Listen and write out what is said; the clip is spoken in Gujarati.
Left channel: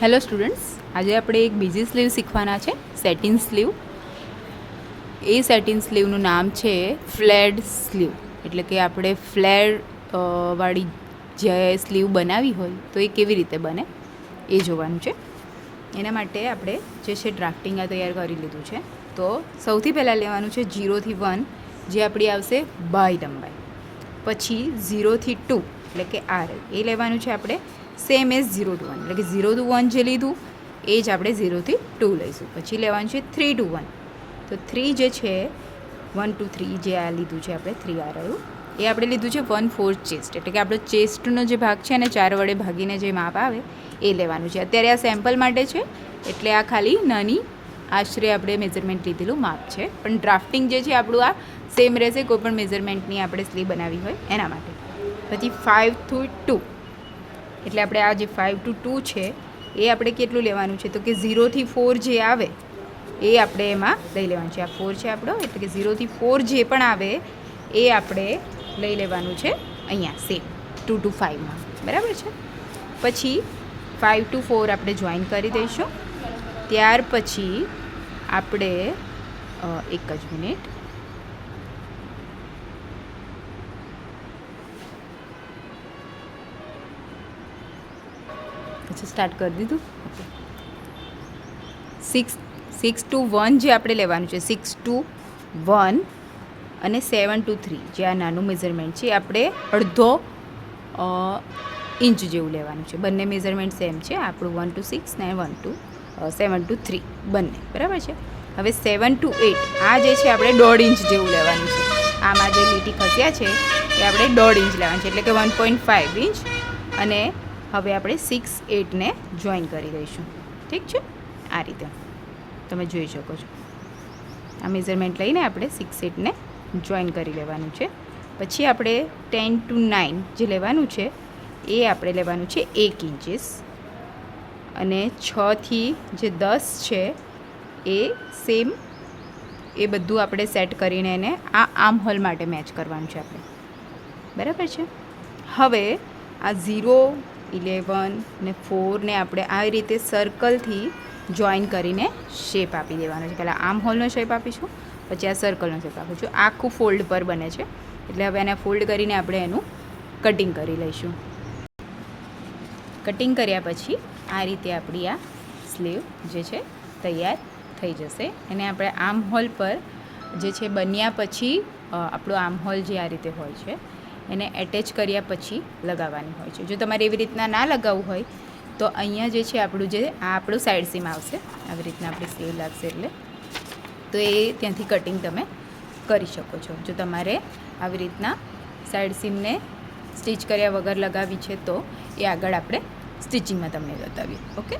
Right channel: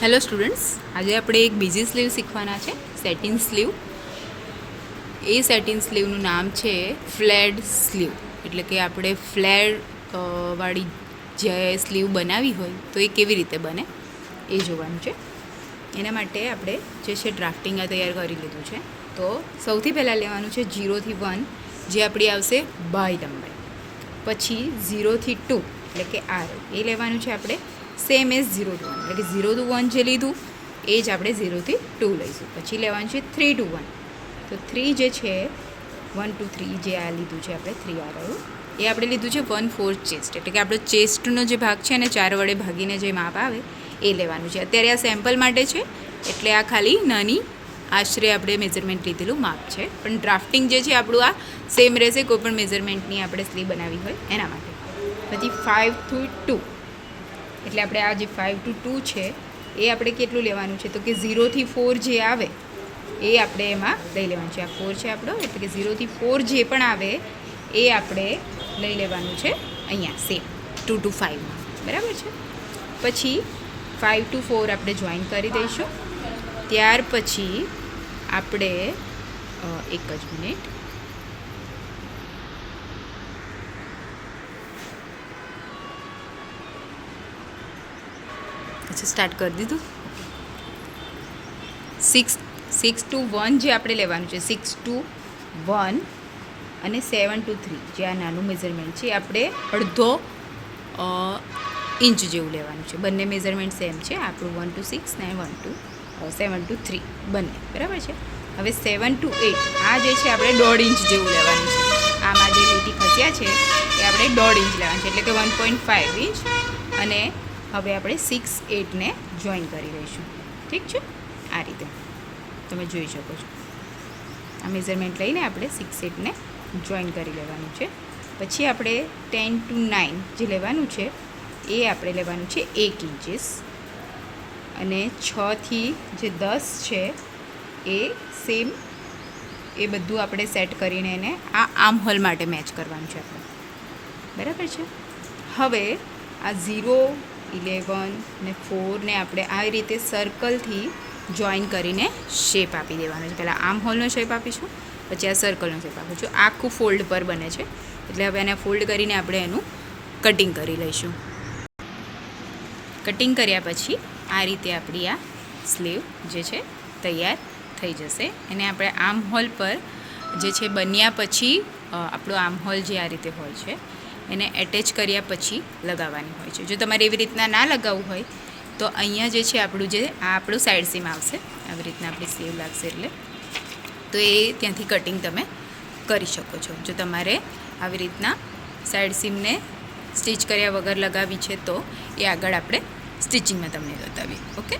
હેલો સ્ટુડન્ટ્સ, આજે આપણે એક બીજી સ્લીવ શીખવાના છે, સેટિન સ્લીવ. એ સેટિન સ્લીવનું નામ છે ફ્લેડ સ્લીવ, એટલે કે આપણે ફ્લેડ વાળી જે સ્લીવ બનાવી હોય તો એ કેવી રીતે બને એ જોવાનું છે. એના માટે આપણે જે છે ડ્રાફ્ટિંગ તૈયાર કરી લીધું છે. તો સૌથી પહેલાં લેવાનું છે 0 થી 1, જે આપણી આવશે બાય લંબાઈ. પછી 0 થી 2 એટલે કે આર એ લેવાનું છે આપણે સેમ એઝ 0 to 1, એટલે કે 0 to 1 જે લીધું એ જ આપણે 0 થી 2 લઈશું. પછી લેવાનું છે 3 to 1, તો 3 જે છે 1 to 3 જે આ લીધું છે આપણે 3 આર આવ્યું એ આપણે લીધું છે 1/4 ચેસ્ટ, એટલે કે આપણો ચેસ્ટનો જે ભાગ છે ને 4 વડે ભાગીને જે માપ આવે એ લેવાનું છે. અત્યારે આ સેમ્પલ માટે છે, એટલે આ ખાલી નાની આશરે આપણે મેઝરમેન્ટ લીધેલું માપ છે, પણ ડ્રાફ્ટિંગ જે છે આપણું આ સેમ રહેશે કોઈ પણ મેઝરમેન્ટની આપણે સ્લીવ બનાવી હોય એના માટે. પછી 5 to 2, એટલે આપણે આ જે 5 to 2 છે એ આપણે કેટલું લેવાનું છે, તો કે 0 થી 4 જે આવે એ આપણે એમાં લઈ લેવાનું છે. આ 4 છે આપણો, એટલે કે 0 થી 4 જે પણ આવે એ આપણે લઈ લેવાનું છે અહીંયા સેમ 2 to 5માં, બરાબર છે. પછી 5 to 4 આપણે જોઈન કરી દઈશું. ત્યાર પછી આપણે એક જ મિનિટ, પછી સ્ટાર્ટ કરી દીધું. 6 to 1 જે આપણે લેવાનું છે, 6 to 1 અને 7 to 3 જે આ નાનું મેઝરમેન્ટ છે આપણે અડધો ઇંચ જેવું લેવાનું છે. બંને મેઝરમેન્ટ સેમ છે, આપણું 1 to 6 ને 1 to 7 to 3 બંને, બરાબર છે. હવે 7 to 8 આ જે છે આપણે 1.5 ઇંચ જેવું લેવાનું છે. આમાં જે લીટી ખસ્યા છે એ આપણે 1.5 ઇંચ લેવાનું છે, એટલે કે 1.5 ઇંચ. અને હવે આપણે 6, 8ને જોઈન કરી દઈશું. ઠીક છે, આ રીતે તમે જોઈ શકો છો. આ મેઝરમેન્ટ લઈને આપણે 6, 8ને જોઈન કરી લેવાનું છે. પછી આપણે 10 to 9 જે લેવાનું છે એ આપણે લેવાનું છે 1 ઇંચીસ. અને 6 થી જે 10 છે એ સેમ, એ બધું આપણે સેટ કરીને એને આ આર્મ હોલ માટે મેચ કરવાનું છે આપણે, બરાબર છે. હવે આ 0, 11 ને 4 ને આપણે આ રીતે સર્કલથી જોઈન કરીને શેપ આપી દેવાનો છે. પહેલાં આર્મ હોલનો શેપ આપીશું, પછી આ સર્કલનો શેપ આપીશું. આખું ફોલ્ડ પર બને છે, એટલે હવે એને ફોલ્ડ કરીને આપણે એનું કટિંગ કરી લઈશું. કટિંગ કર્યા પછી આ રીતે આપણી આ સ્લીવ જે છે તૈયાર થઈ જશે. એને આપણે આર્મ હોલ પર જે છે બન્યા પછી આપણું આર્મ હોલ જે આ રીતે હોય છે એને એટેચ કર્યા પછી લગાવવાની હોય છે. જો તમારે એવી રીતના ના લગાવવું હોય તો અહીંયા જે છે આપણું જે આ આપણું સાઈડ સીમ આવશે, આવી રીતના આપણી સ્લીવ લાગશે, એટલે તો એ ત્યાંથી કટિંગ તમે કરી શકો છો. જો તમારે આવી રીતના સાઈડ સીમને સ્ટિચ કર્યા વગર લગાવી છે તો એ આગળ આપણે સ્ટિચિંગમાં તમને બતાવીએ. ઓકે.